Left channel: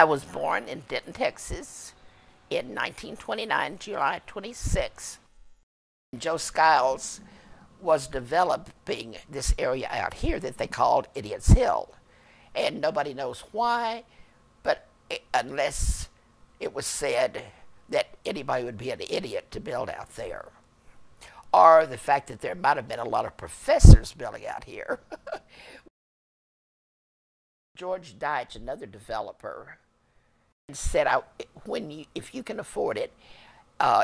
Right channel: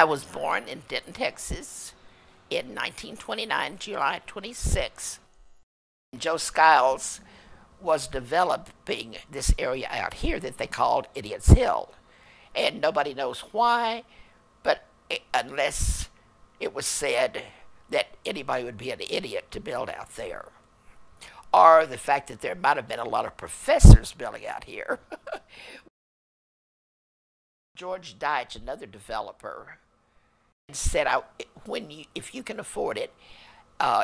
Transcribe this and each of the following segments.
I was born in Denton, Texas in 1929, July 26. Joe Skiles was developing this area out here that they called Idiot's Hill. And nobody knows why, but unless it was said that anybody would be an idiot to build out there. Or the fact that there might have been a lot of professors building out here. George Deitch, another developer, said, if you can afford it,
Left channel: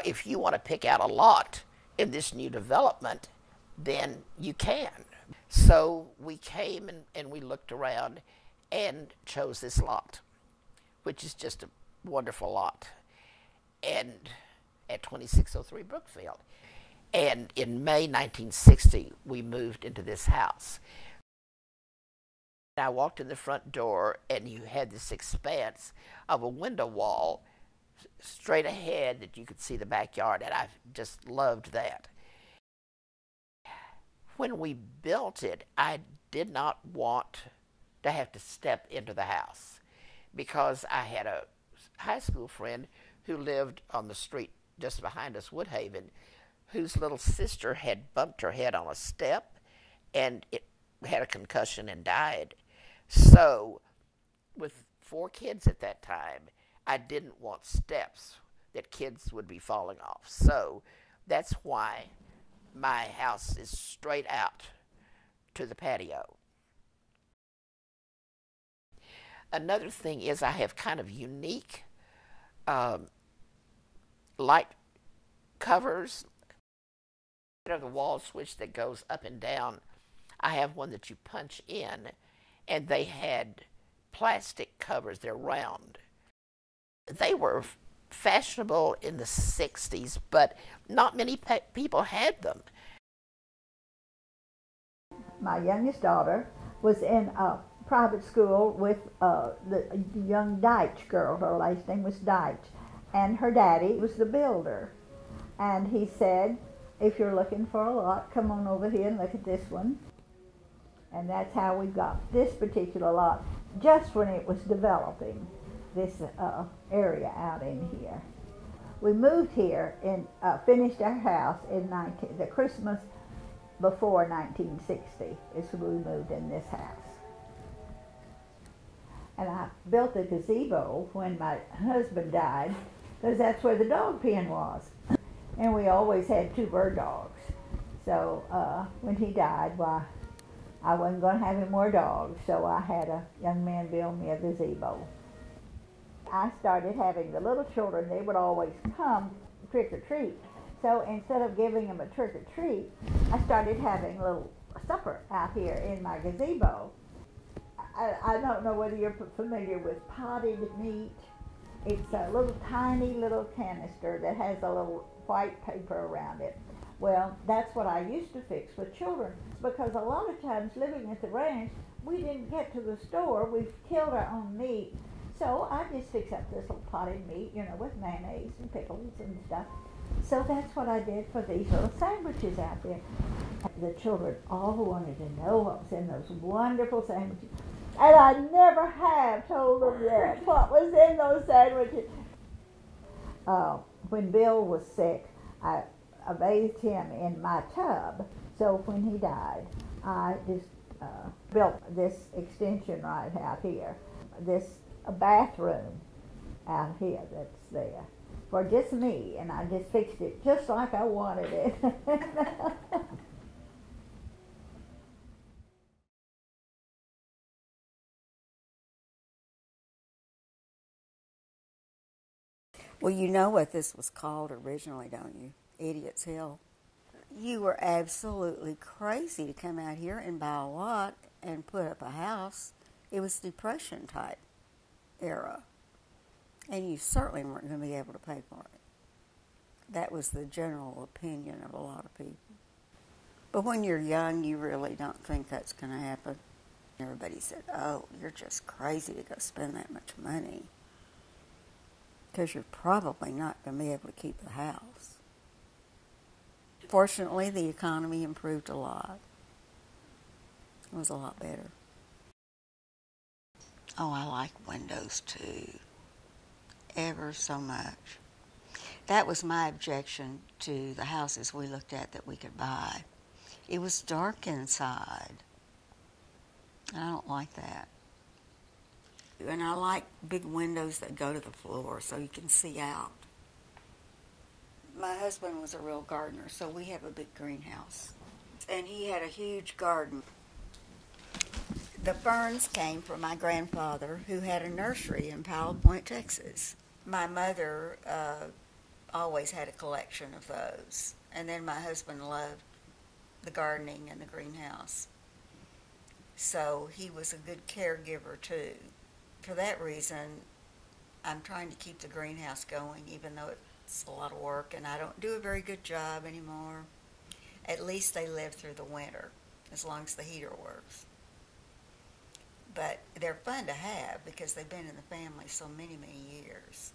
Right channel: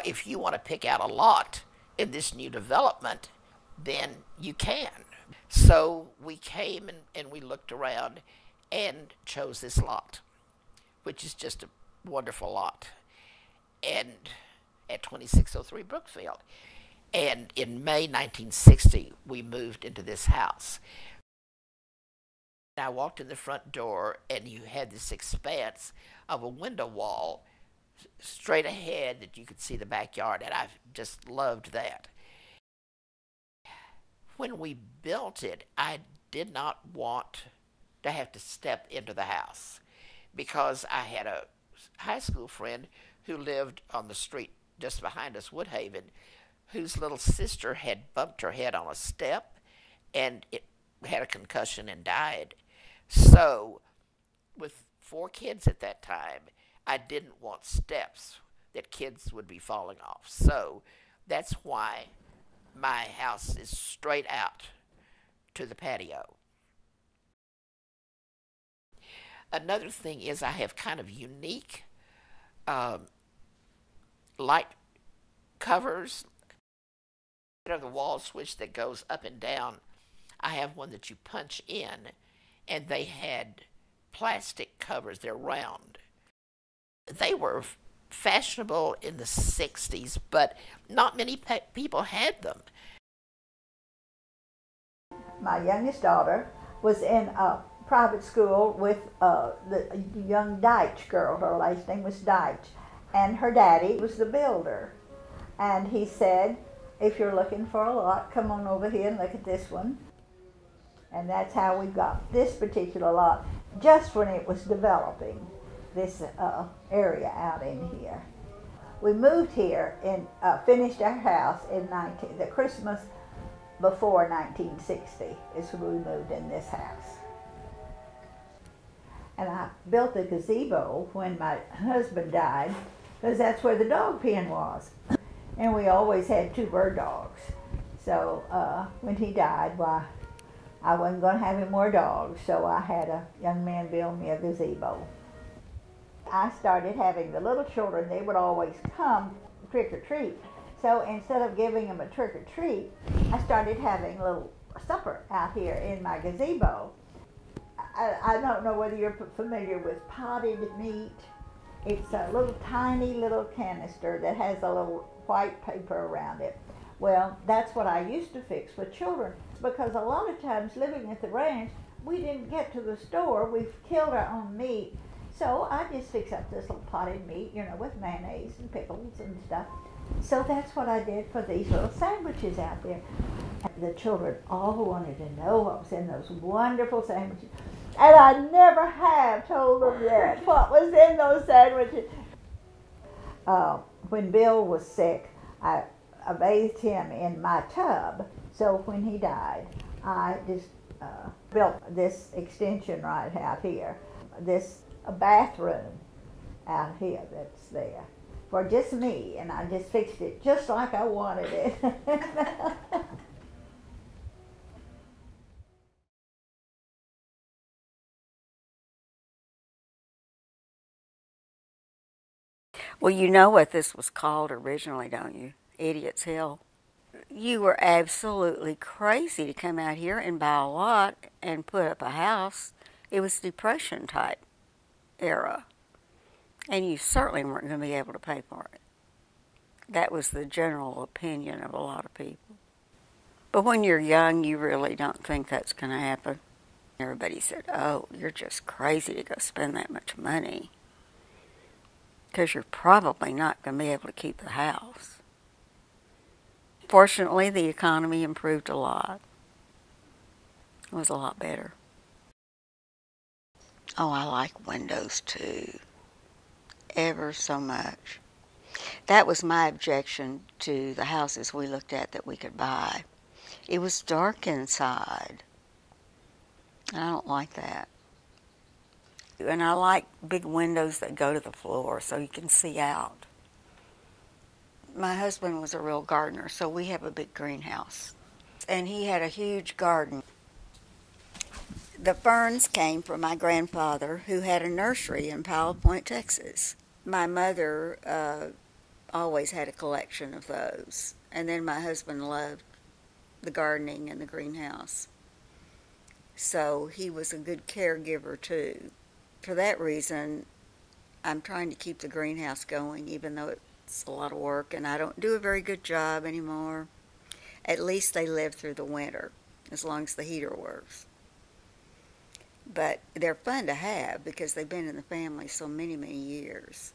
if you want to pick out a lot in this new development, then you can. So we came and we looked around and chose this lot, which is just a wonderful lot, and at 2603 Brookfield. And in May 1960, we moved into this house. I walked in the front door, and you had this expanse of a window wall straight ahead that you could see the backyard, and I just loved that. When we built it, I did not want to have to step into the house because I had a high school friend who lived on the street just behind us, Woodhaven, whose little sister had bumped her head on a step and it had a concussion and died. So, with 4 kids at that time, I didn't want steps that kids would be falling off. So, that's why my house is straight out to the patio. Another thing is I have kind of unique light covers. The wall switch that goes up and down, I have one that you punch in, and they had plastic covers. They're round. They were fashionable in the 60s, but not many people had them. My youngest daughter was in a private school with the young Deitch girl. Her last name was Deitch, and her daddy was the builder. And he said, if you're looking for a lot, come on over here and look at this one. And that's how we got this particular lot, just when it was developing, this area out in here. We moved here and finished our house in the Christmas before 1960 is when we moved in this house. And I built the gazebo when my husband died, because that's where the dog pen was. And we always had 2 bird dogs. So when he died, why, I wasn't going to have any more dogs, so I had a young man build me a gazebo. I started having the little children, they would always come trick or treat. So instead of giving them a trick or treat, I started having a little supper out here in my gazebo. I don't know whether you're familiar with potted meat. It's a little tiny little canister that has a little white paper around it. Well, that's what I used to fix for children, because a lot of times living at the ranch, we didn't get to the store. We've killed our own meat. So I just fix up this little potted meat, with mayonnaise and pickles and stuff. So that's what I did for these little sandwiches out there. The children all wanted to know what was in those wonderful sandwiches. And I never have told them yet what was in those sandwiches. When Bill was sick, I bathed him in my tub. So when he died, I just built this extension right out here, this bathroom out here that's there for just me, and I just fixed it just like I wanted it. Well, you know what this was called originally, don't you? Idiot's Hill. You were absolutely crazy to come out here and buy a lot and put up a house. It was Depression type era. And you certainly weren't going to be able to pay for it. That was the general opinion of a lot of people. But when you're young, you really don't think that's going to happen. Everybody said, oh, you're just crazy to go spend that much money, because you're probably not going to be able to keep the house. Fortunately, the economy improved a lot. It was a lot better. Oh, I like windows too, ever so much. That was my objection to the houses we looked at that we could buy. It was dark inside. I don't like that. And I like big windows that go to the floor so you can see out. My husband was a real gardener, so we have a big greenhouse. And he had a huge garden. The ferns came from my grandfather, who had a nursery in Powell Point, Texas. My mother always had a collection of those. And then my husband loved the gardening and the greenhouse. So he was a good caregiver, too. For that reason, I'm trying to keep the greenhouse going, even though it's a lot of work, and I don't do a very good job anymore. At least they live through the winter, as long as the heater works. But they're fun to have because they've been in the family so many, many years.